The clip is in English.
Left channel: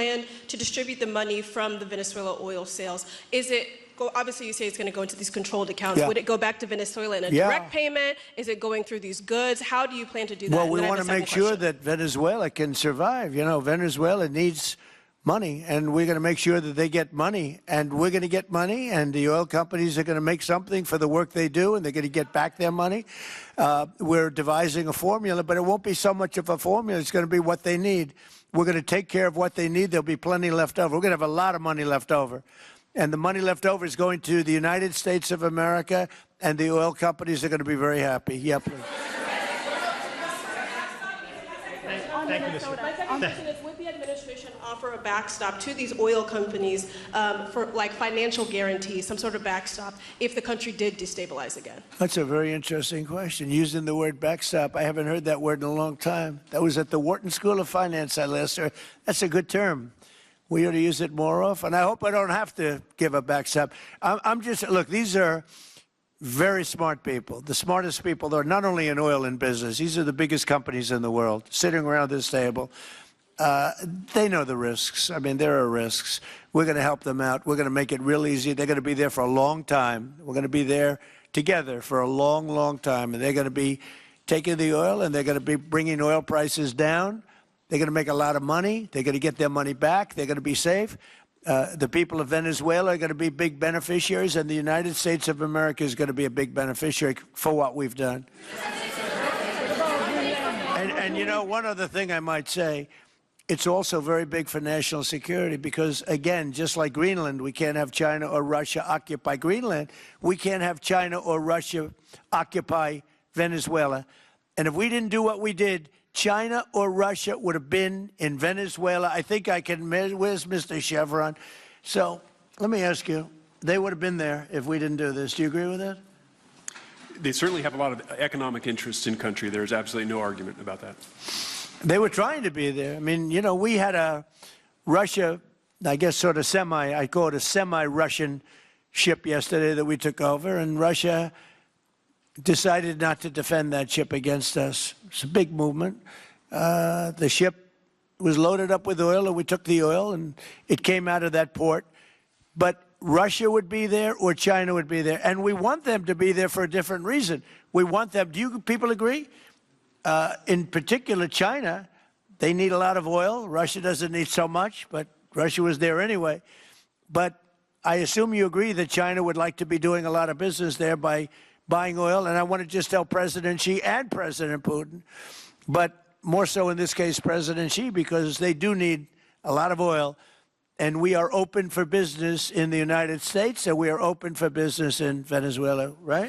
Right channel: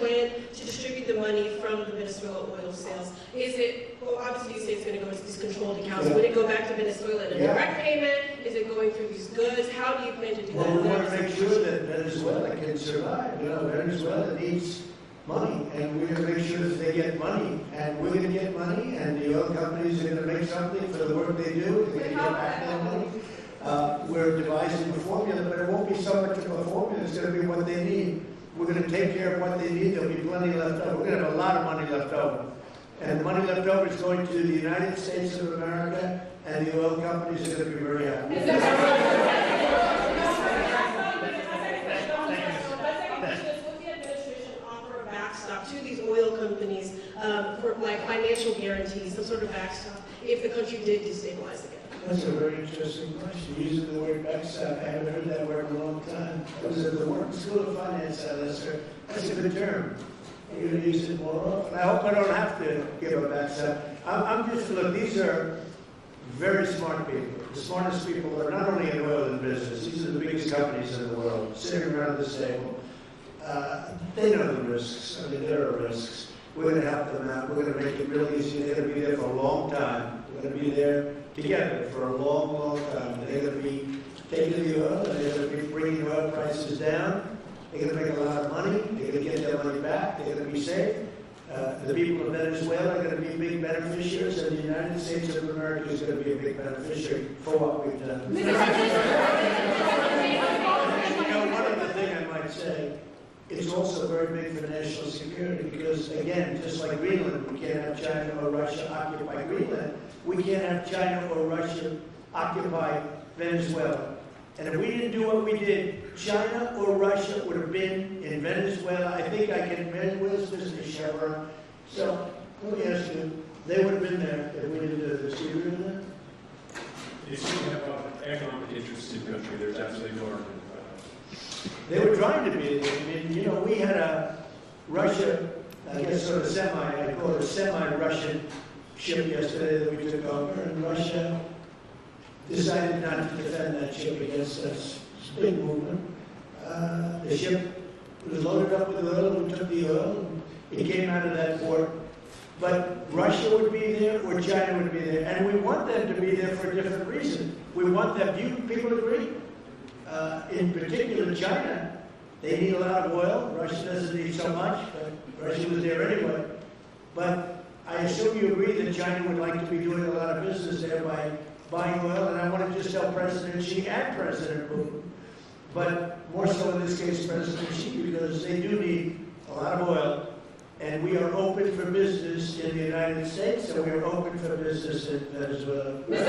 plan to distribute the money from the Venezuela oil sales? Is it, obviously you say it's going to go into these controlled accounts. Would it go back to Venezuela in a direct payment? Is it going through these goods? How do you plan to do that? Well, we want to make sure that Venezuela can survive. You know, Venezuela needs money, and we're going to make sure that they get money, and we're going to get money, and the oil companies are going to make something for the work they do, and they're going to get back their money. We're devising a formula, but it won't be so much of a formula. It's going to be what they need. We're going to take care of what they need. There'll be plenty left over. We're going to have a lot of money left over. And the money left over is going to the United States of America, and the oil companies are going to be very happy. Backstop to these oil companies for like financial guarantees, some sort of backstop if the country did destabilize again? That's a very interesting question. Using the word backstop, I haven't heard that word in a long time. That was at the Wharton School of Finance I last heard. That's a good term. We ought to use it more often. I hope I don't have to give a backstop. I'm just, look, these are very smart people, the smartest people. They're not only in oil and business. These are the biggest companies in the world sitting around this table. They know the risks. I mean, there are risks. We're going to help them out. We're going to make it real easy. They're going to be there for a long time. We're going to be there together for a long, long time. And they're going to be taking the oil, and they're going to be bringing oil prices down. They're going to make a lot of money. They're going to get their money back. They're going to be safe. The people of Venezuela are going to be big beneficiaries, and the United States of America is going to be a big beneficiary for what we've done. And you know, one other thing I might say, it's also very big for national security because, again, just like Greenland, we can't have China or Russia occupy Greenland. We can't have China or Russia occupy Venezuela. And if we didn't do what we did, China or Russia would have been in Venezuela. I think I can, where's Mr. Chevron? So let me ask you, they would have been there if we didn't do this. Do you agree with that? They certainly have a lot of economic interests in country. There's absolutely no argument about that. They were trying to be there. I mean, you know, we had a Russia, I guess sort of I call it a semi-Russian ship yesterday that we took over, and Russia decided not to defend that ship against us. It's a big movement. The ship was loaded up with oil, and we took the oil, and it came out of that port. But Russia would be there or China would be there, and we want them to be there for a different reason. We want them, do you people agree? In particular, China, they need a lot of oil. Russia doesn't need so much, but Russia was there anyway. But I assume you agree that China would like to be doing a lot of business there by buying oil, and I want to just tell President Xi and President Putin, but more so in this case President Xi, because they do need a lot of oil, and we are open for business in the United States, and we are open for business in Venezuela, right?